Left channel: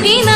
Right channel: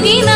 yogi